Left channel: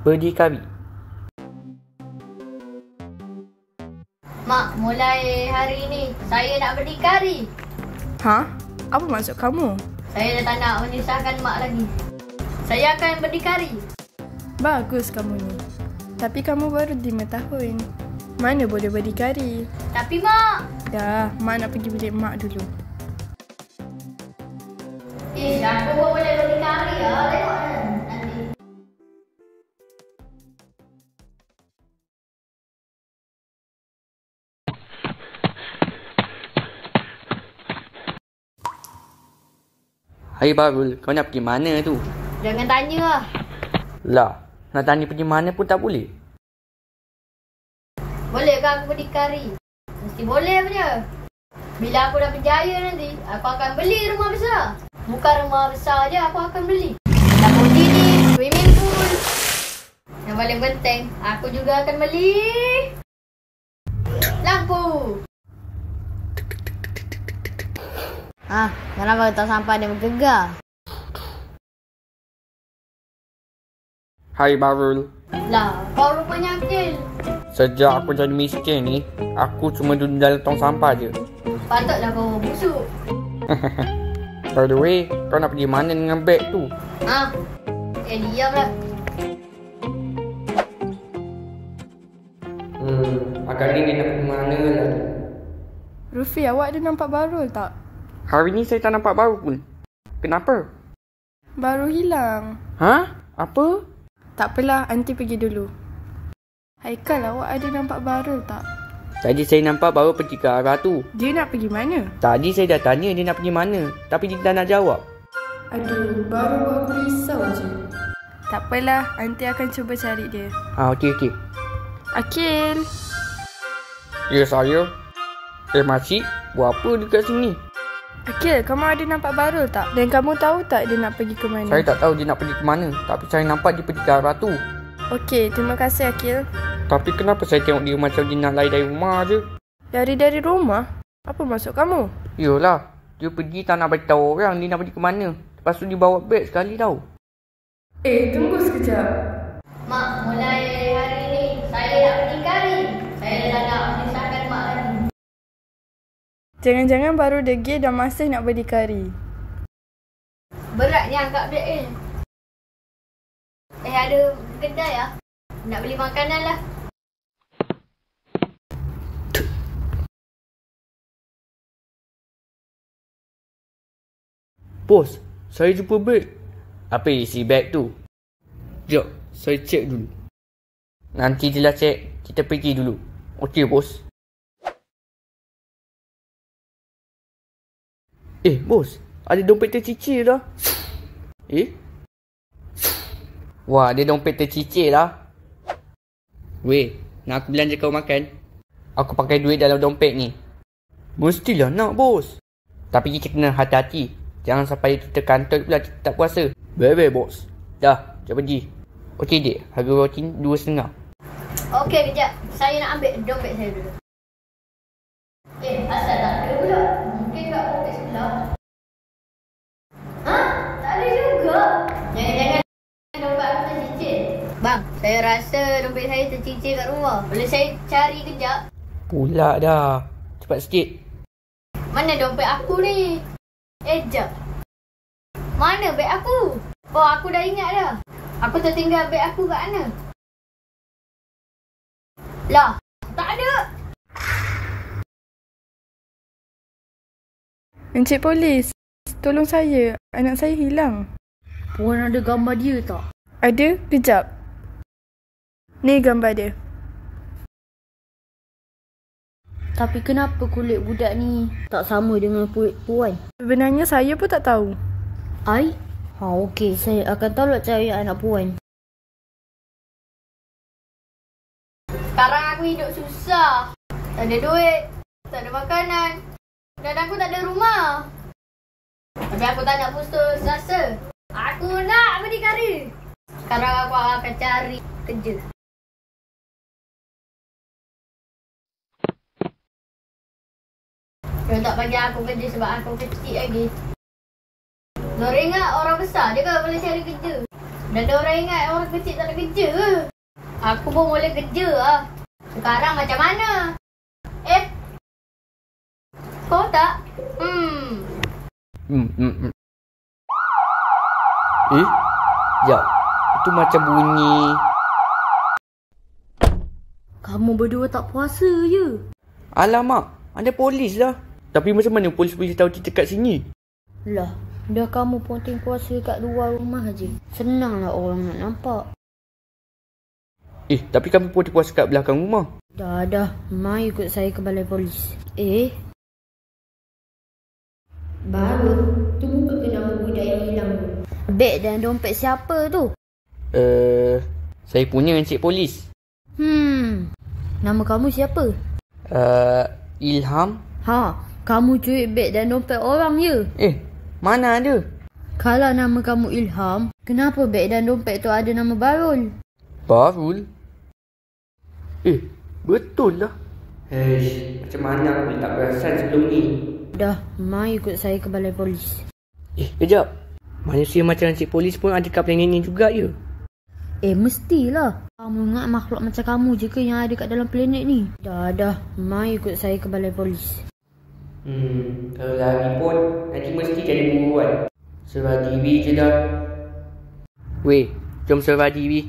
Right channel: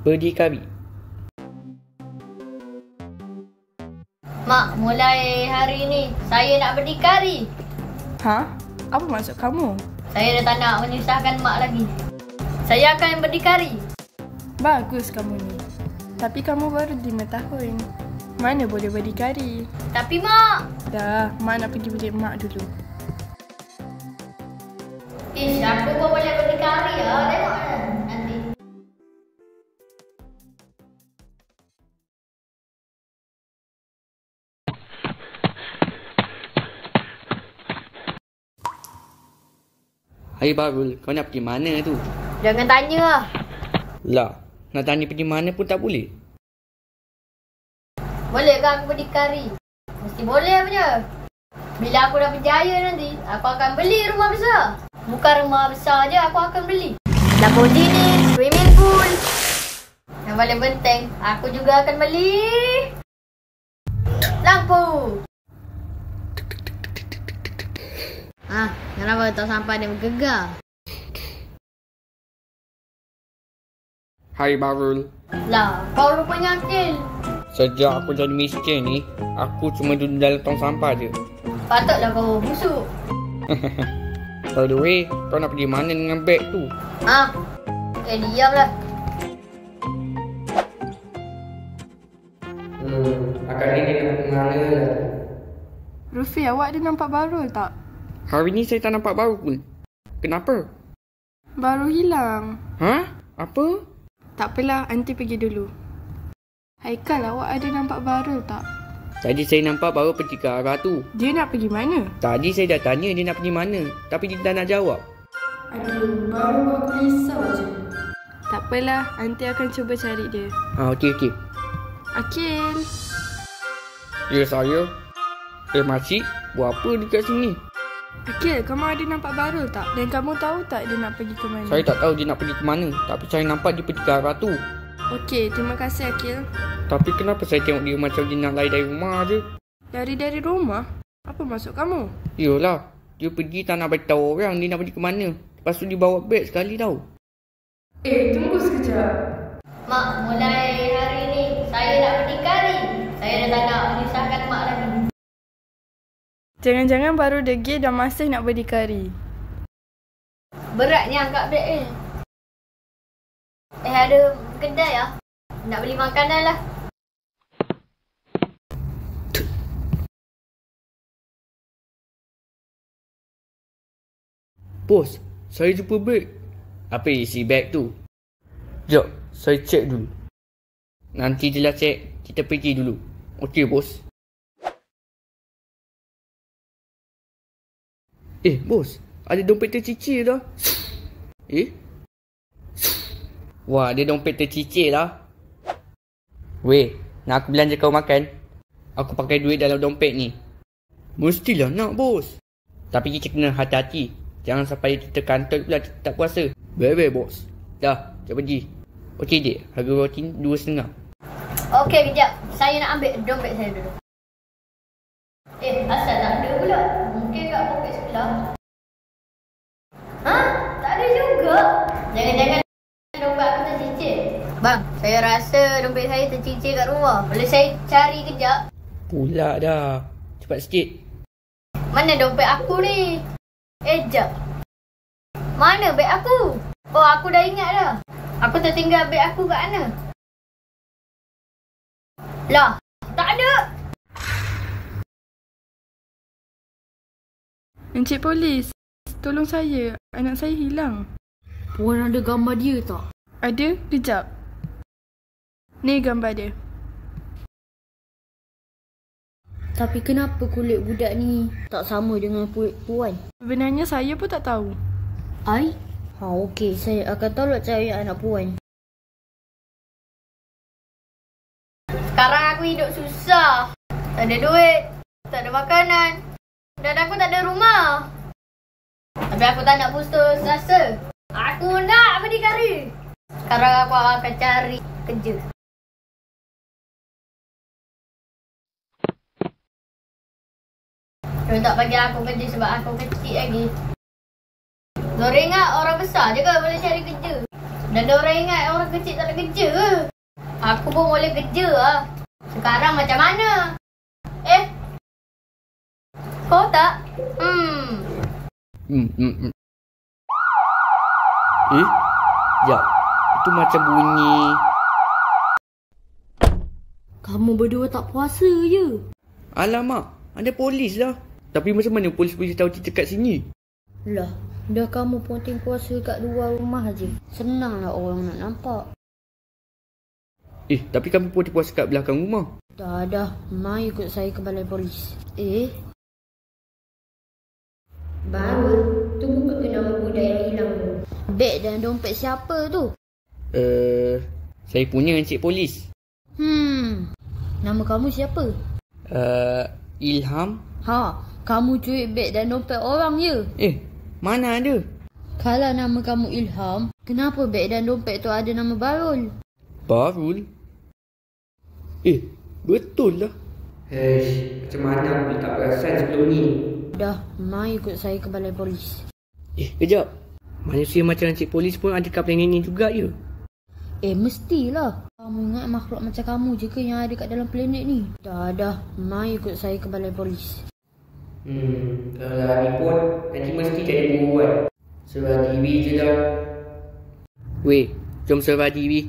berdikari. Mak, mulai hari ini saya nak berdikari. Ha? Apa maksud kamu? Saya dah tak nak menyusahkan mak lagi. Saya akan berdikari. Bagus kamu ni. Tapi kamu baru 5 tahun. Mana boleh berdikari? Tapi mak... Dah, mak nak pergi bilik mak dulu. Aku pun boleh berdikari ya. Tengok nanti. Hai Barul, kau nak pergi mana tu? Jangan tanya lah. Lah, nak tanya pergi mana pun tak boleh. Boleh ke aku berdikari? Mesti boleh punya. Bila aku dah berjaya nanti, aku akan beli rumah besar. Bukan rumah besar je, aku akan beli Lamborghini, swimming pool. Yang paling penting, aku juga akan beli lampu. Kenapa tak sampai dia bergegar? Hai Barul. Lah, kau rupanya akil. Sejak aku jadi miskin ni, aku cuma duduk dalam tong sampah je. Patutlah kau busuk. By the way, kau nak pergi mana dengan beg tu? Diamlah. Agaknya dia nak pergi mana lah. Rufi, awak ada nampak Barul tak? Hari ni saya tak nampak Barul pun. Kenapa? Baru hilang. Ha? Apa? Tak apalah, aunty pergi dulu. Haikal, awak ada nampak Barul tak? Tadi saya nampak Barul pergi ke arah tu. Dia nak pergi mana? Tadi saya dah tanya dia nak pergi mana, tapi dia tak nak jawab. Aduh, baru buat aku risau je. Tak apalah, aunty akan cuba cari dia. Okey. Akil. Ya, saya. Makcik, buat apa dekat sini? Akil, kamu ada nampak Barul tak? Dan kamu tahu tak dia nak pergi ke mana? Saya tak tahu dia nak pergi ke mana, tapi saya nampak dia pergi ke arah tu. Okey, terima kasih Akil. Tapi kenapa saya tengok dia macam dia nak lari dari rumah je? Lari dari rumah? Apa maksud kamu? Yolah, dia pergi tak nak beritahu orang dia nak pergi ke mana. Lepas tu dia bawa beg sekali tau. Tunggu sekejap. Mak, mulai hari ni saya nak berdikari. Saya dah tak nak menyusahkan mak lagi. Jangan-jangan baru degil dan masih nak berdikari. Beratnya angkat beg ni. Ada kedai lah. Nak beli makanan lah. Bos, saya jumpa beg. Apa isi beg tu? Sekejap, saya cek dulu. Nanti je lah cek, kita pergi dulu. Okey bos. Bos, ada dompet tercicir dah. Wah, ada dompet tercicir lah. Weh, nak aku belanja kau makan? Aku pakai duit dalam dompet ni. Mestilah nak bos. Tapi kita kena hati-hati. Jangan sampai kita kantoi pula kita tak puasa. Baik bos. Dah, jom pergi. Okey dek, harga roti 2.5. Okey, kejap. Saya nak ambil dompet saya dulu. Asal tak ada pula. Mungkin kat poket sebelah. Tak ada juga. Jangan-jangan dompet aku tercicir. Bang, saya rasa dompet saya tercicir kat rumah. Boleh saya cari kejap? Pula dah. Cepat sikit. Mana dompet aku ni? Jap. Mana beg aku? Oh, aku dah ingat dah. Aku tertinggal beg aku kat mana? Lah, tak ada. Encik Polis, tolong saya. Anak saya hilang. Puan ada gambar dia tak? Ada? Kejap. Ni gambar dia. Tapi kenapa kulit budak ni tak sama dengan kulit puan? Sebenarnya saya pun tak tahu. Okey. Saya akan tolak cari anak puan. Sekarang aku hidup susah. Tak ada duit. Tak ada makanan. Dan aku tak ada rumah. Tapi aku tak nak putus asa. Aku nak berdikari. Sekarang aku akan cari kerja. Dia tak bagi aku kerja sebab aku kecil lagi. Diorang ingat orang besar je kan boleh cari kerja. Dah ada orang ingat orang kecil tak ada kerja ke? Aku pun boleh kerja lah. Sekarang macam mana? Kau tak? Sekejap. Itu macam bunyi. Kamu berdua tak puasa je? Alamak, ada polis lah. Tapi macam mana polis-polis tahu kita kat sini? Lah, dah kamu ponting puasa kat luar rumah aje. Senanglah orang nak nampak. Tapi kami pun puasa kat belakang rumah. Dah. Mai ikut saya ke balai polis. Baru tu buka ke nama budak yang hilang tu. Beg dan dompet siapa tu? Saya punya Encik Polis. Nama kamu siapa? Ilham. Kamu cuik beg dan dompet orang je. Mana ada? Kalau nama kamu Ilham, kenapa beg dan dompet tu ada nama Barul? Barul? Betul lah. Macam mana aku tak perasan sebelum ni? Dah, mai ikut saya ke balai polis. Kejap. Manusia macam Encik Polis pun ada kat planet ni juga ya? Mestilah. Kamu ingat makhluk macam kamu je ke yang ada kat dalam planet ni? Dah. Mai ikut saya ke balai polis. Kalau lari pun nanti mesti jadi buruan. Serah diri je lah. Weh, jom serah diri.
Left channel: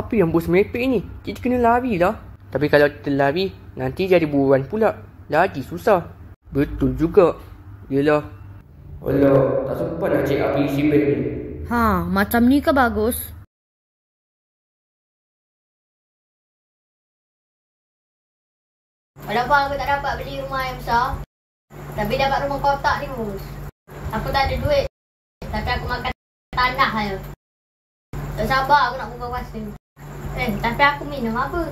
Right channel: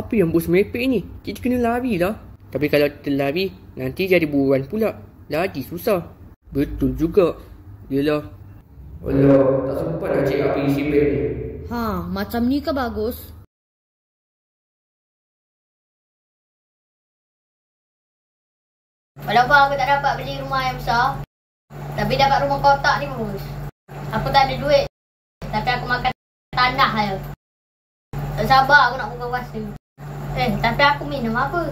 Apa yang bos merepek ni? Kita kena lari lah. Tapi kalau kita lari, nanti jadi buruan pula. Lagi susah. Betul juga. Yelah. Alah, tak sempat nak cek apa isi beg ni. Macam ni ke bagus? Walaupun aku tak dapat beli rumah yang besar, tapi dapat rumah kotak ni bos. Aku tak ada duit, tapi aku makan tanah je. Tak sabar aku nak buka puasa. Tapi aku minum apa?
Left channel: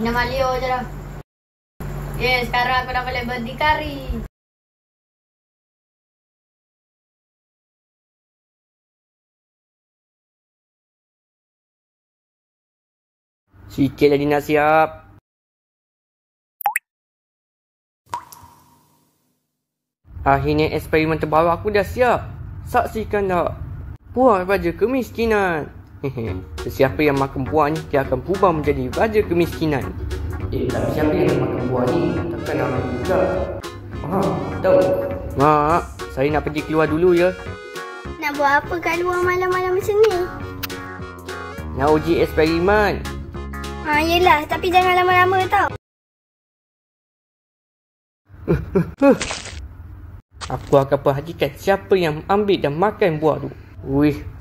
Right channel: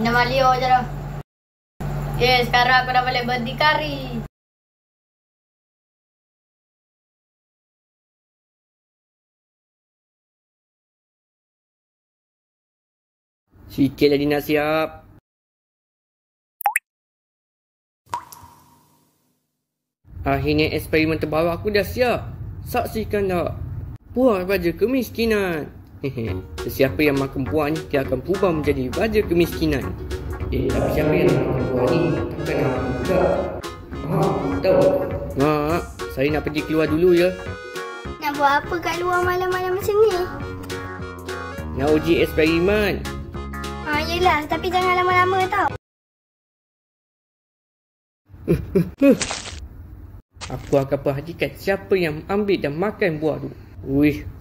Minum Alio je lah. Sekarang aku dah boleh berdikari. Sikit lagi nak siap. Akhirnya eksperimen terbaru aku dah siap. Saksikanlah. Buah Raja Kemiskinan. Sesiapa yang makan buah ni, dia akan berubah menjadi Raja Kemiskinan. Tapi siapa yang nak makan buah ni? Takkan aku juga. Tahu. Saya nak pergi keluar dulu ya. Nak buat apa kat luar malam-malam macam ni? Nak uji eksperimen. Yelah, tapi jangan lama-lama tau. Aku akan perhatikan siapa yang ambil dan makan buah tu.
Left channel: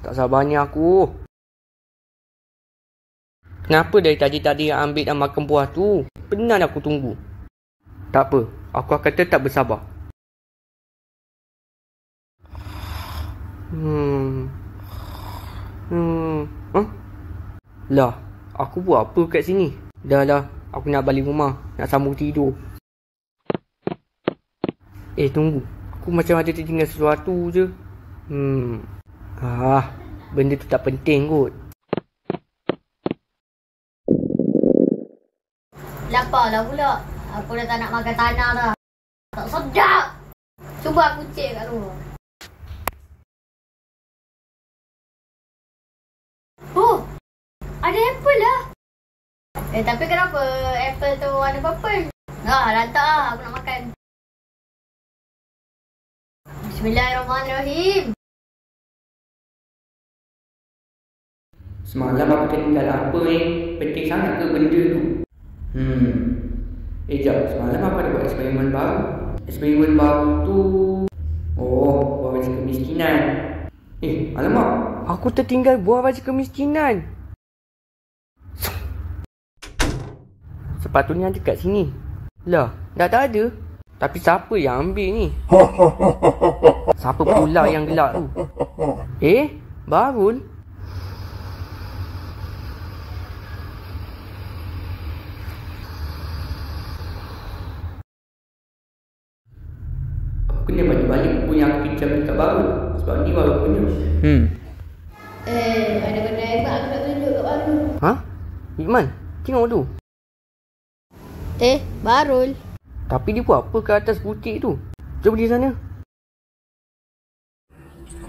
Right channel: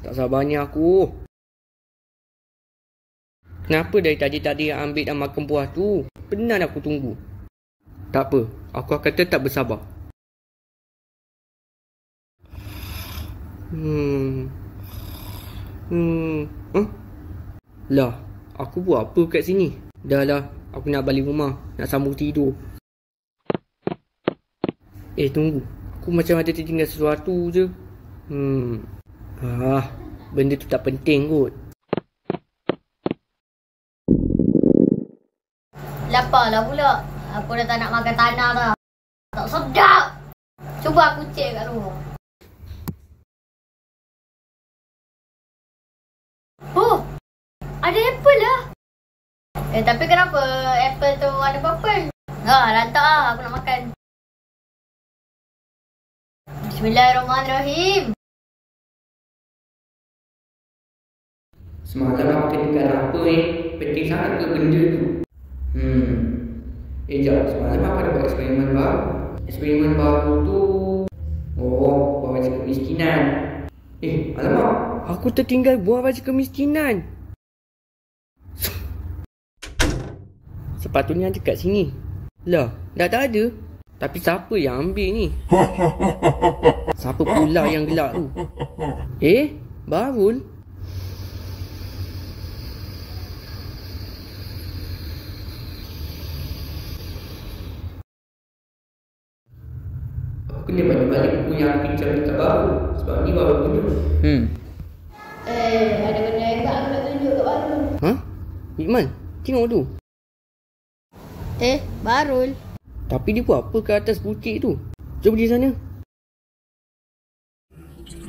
Tak sabarnya aku. Kenapa dari tadi yang ambil dan makan buah tu? Penat aku tunggu. Tak apa, aku akan tetap bersabar. Lah, aku buat apa kat sini? Dah lah, aku nak balik rumah. Nak sambung tidur. Tunggu. Aku macam ada tertinggal sesuatu je. Benda tu tak penting kot. Laparlah pula. Aku dah tak nak makan tanah dah. Tak sedap. Cuba aku cek kat rumah. Ada apple lah. Tapi kenapa apple tu ada purple? Lantak lah. Aku nak makan. Bismillahirrahmanirrahim. Semalam aku tertinggal apa Penting sangat ke benda tu? Jap. Semalam aku ada buat eksperimen baru. Eksperimen baru tu buah baca kemiskinan. Alamak. Aku tertinggal buah baca kemiskinan. Sepatutnya ada kat sini. Lah, dah tak ada. Tapi siapa yang ambil ni? Siapa pula yang gelak tu? Barul? Aku kena balik-balik buku yang aku pinjam dekat Barul. Sebab ni baru punya. Ada benda hebat aku nak tunjuk kat Barul. Iqman, tengok tu. Barul. Tapi dia buat apa ke atas butik tu? Jom pergi sana.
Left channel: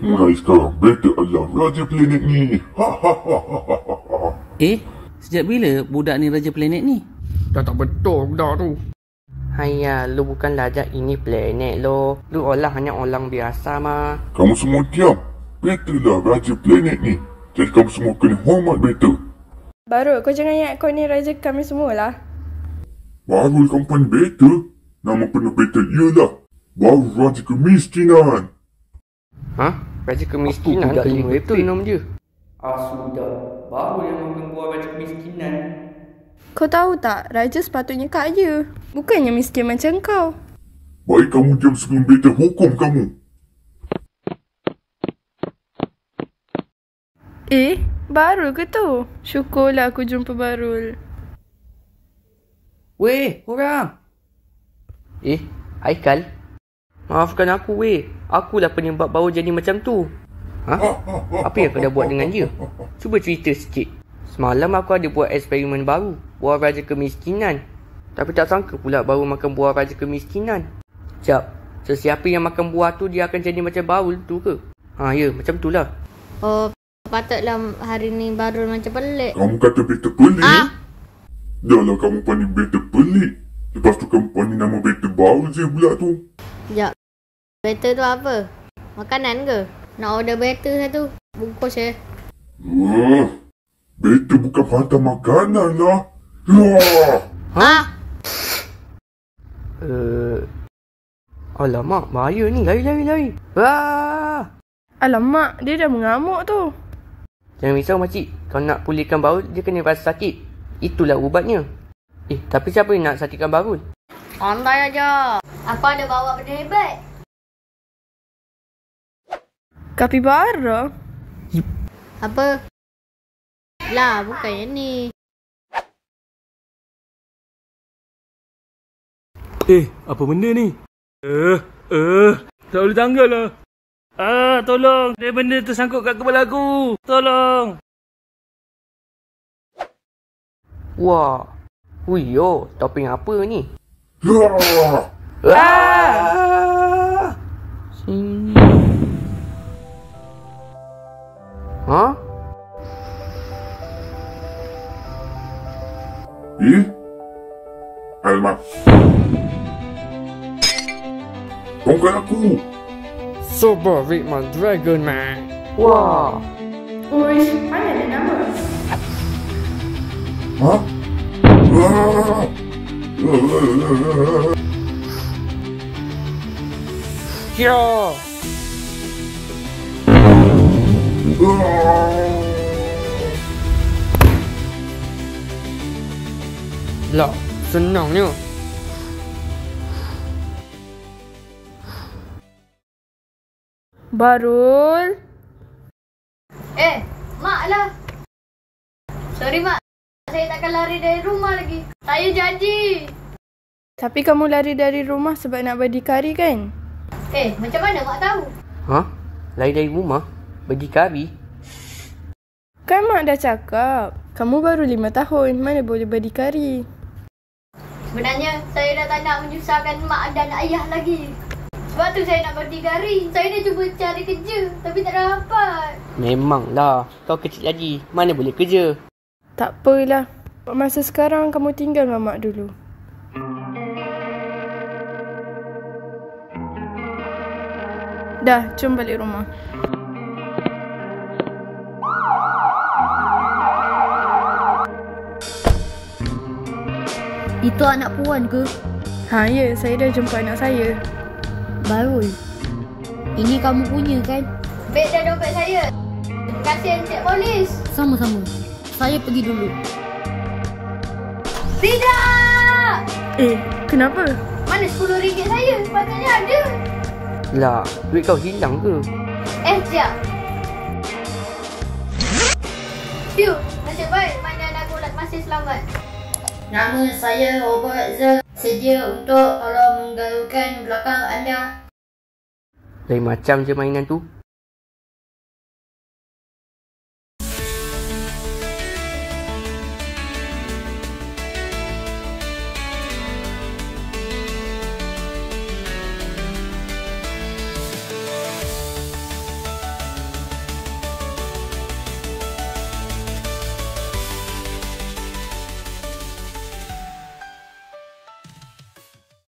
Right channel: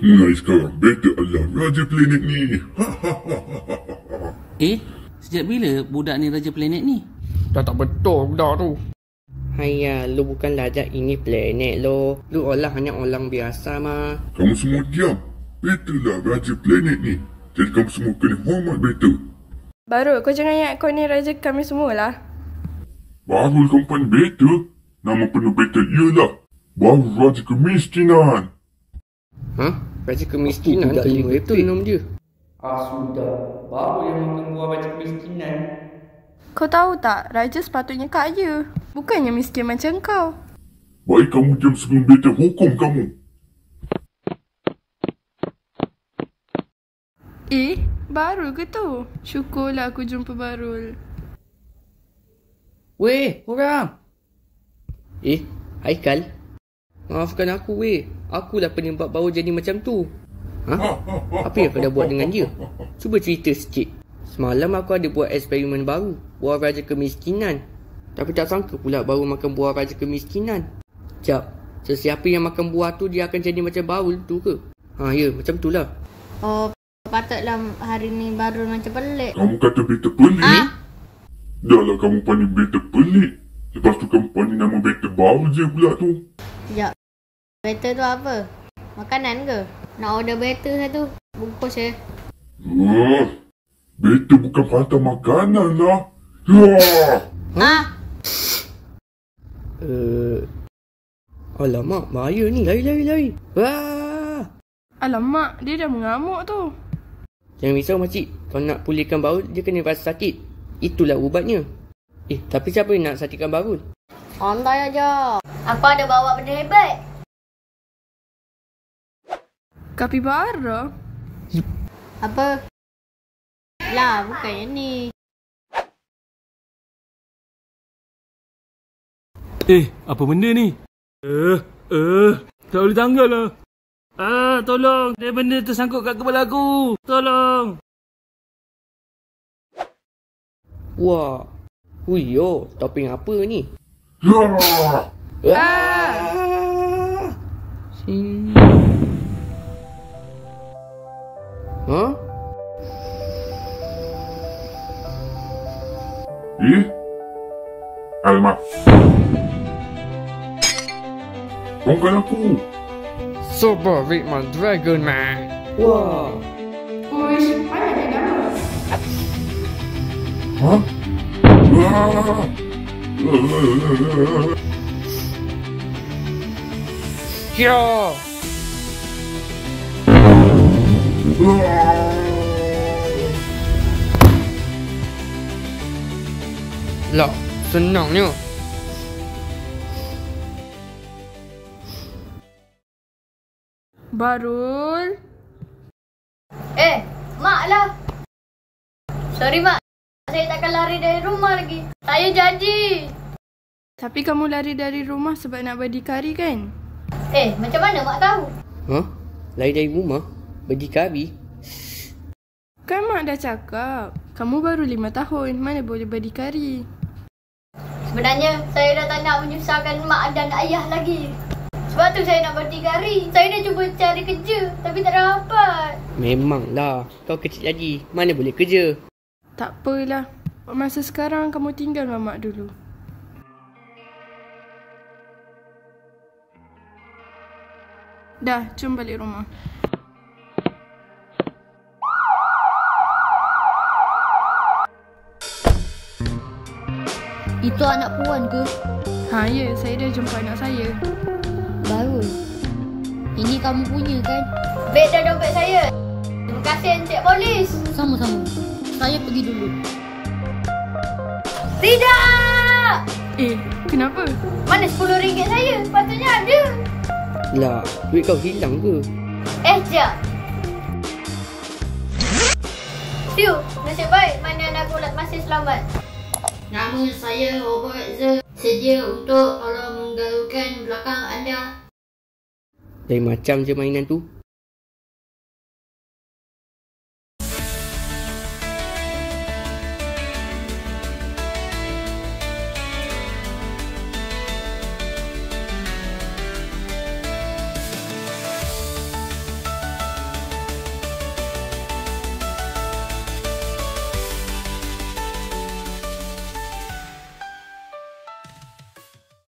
Mulai sekarang, beta adalah Raja Planet ni. Sejak bila budak ni Raja Planet ni? Dah tak betul budak tu. Haiya, lu bukan raja ini planet lo. Lu hanya orang biasa mah. Kamu semua diam. Beta lah Raja Planet ni. Jadi kamu semua kena hormat beta. Baru, kau jangan ingat kau ni raja kami semua lah. Baru kamu pandai beta. Nama penuh beta ialah Baru Raja Kemiskinan. Raja kemiskinan tu lima betul nama dia. Sudah. Baru yang makan buah raja kemiskinan. Kau tahu tak, raja sepatutnya kaya. Bukannya miskin macam kau. Baik kamu diam sebelum beta hukum kamu. Barul ke tu? Syukurlah aku jumpa Barul. Weh, orang. Haikal. Maafkan aku, weh. Akulah penyebab baru jadi macam tu. Apa yang kau dah buat dengan dia? Cuba cerita sikit. Semalam aku ada buat eksperimen baru. Buah raja kemiskinan. Tapi tak sangka pula baru makan buah raja kemiskinan. Jap. Sesiapa yang makan buah tu dia akan jadi macam Barul tu ke? Ya, macam tu lah. Patutlah hari ni baru macam pelik. Kamu kata beta pelik? Dah lah kamu pandai beta pelik. Lepas tu kamu pandai nama beta baru je pula tu. Sekejap. Beta tu apa? Makanan ke? Nak order beta satu. Bungkus Beta bukan hantar makanan lah. Alamak, bahaya ni. Lari. Alamak, dia dah mengamuk tu. Jangan risau makcik. Kalau nak pulihkan Barul, dia kena rasa sakit. Itulah ubatnya. Tapi siapa yang nak sakitkan Barul? Santai aja. Aku ada bawa benda hebat. Kapibara? Apa? Lah, bukan yang ni. Apa benda ni? Tak boleh tanggal lah. Tolong. Dia benda tersangkut kat kepala aku. Tolong. Wah. Huyo, topping apa ni? Alamak. Bukan aku. Super Ritman Dragon Man. Wah. Uish, mana dia nama? Ya. Lah, senangnya. Barul? Mak lah. Sorry, Mak. Saya takkan lari dari rumah lagi. Saya janji. Tapi kamu lari dari rumah sebab nak berdikari kan? Macam mana Mak tahu? Lari dari rumah? Berdikari? Kan Mak dah cakap, kamu baru 5 tahun, mana boleh berdikari? Sebenarnya, saya dah tak nak menyusahkan Mak dan Ayah lagi. Sebab tu saya nak berdikari. Saya dah cuba cari kerja, tapi tak dapat. Memanglah, kau kecil lagi. Mana boleh kerja? Tak apalah. Masa sekarang kamu tinggal dengan Mak dulu. Dah, jom balik rumah. Itu anak puan ke? Ya, saya dah jumpa anak saya. Barul. Ini kamu punya kan? Beg dan dompet saya. Terima kasih Encik Polis. Sama-sama. Saya pergi dulu. Tidak! Kenapa? Mana RM10 saya? Sepatutnya ada. Lah, duit kau hilang ke? Sekejap. Tiu, nasib baik mana anak bulat masih selamat. Nama saya Robert Z. Sedia untuk tolong menggaulkan belakang anda. Lain macam je mainan tu.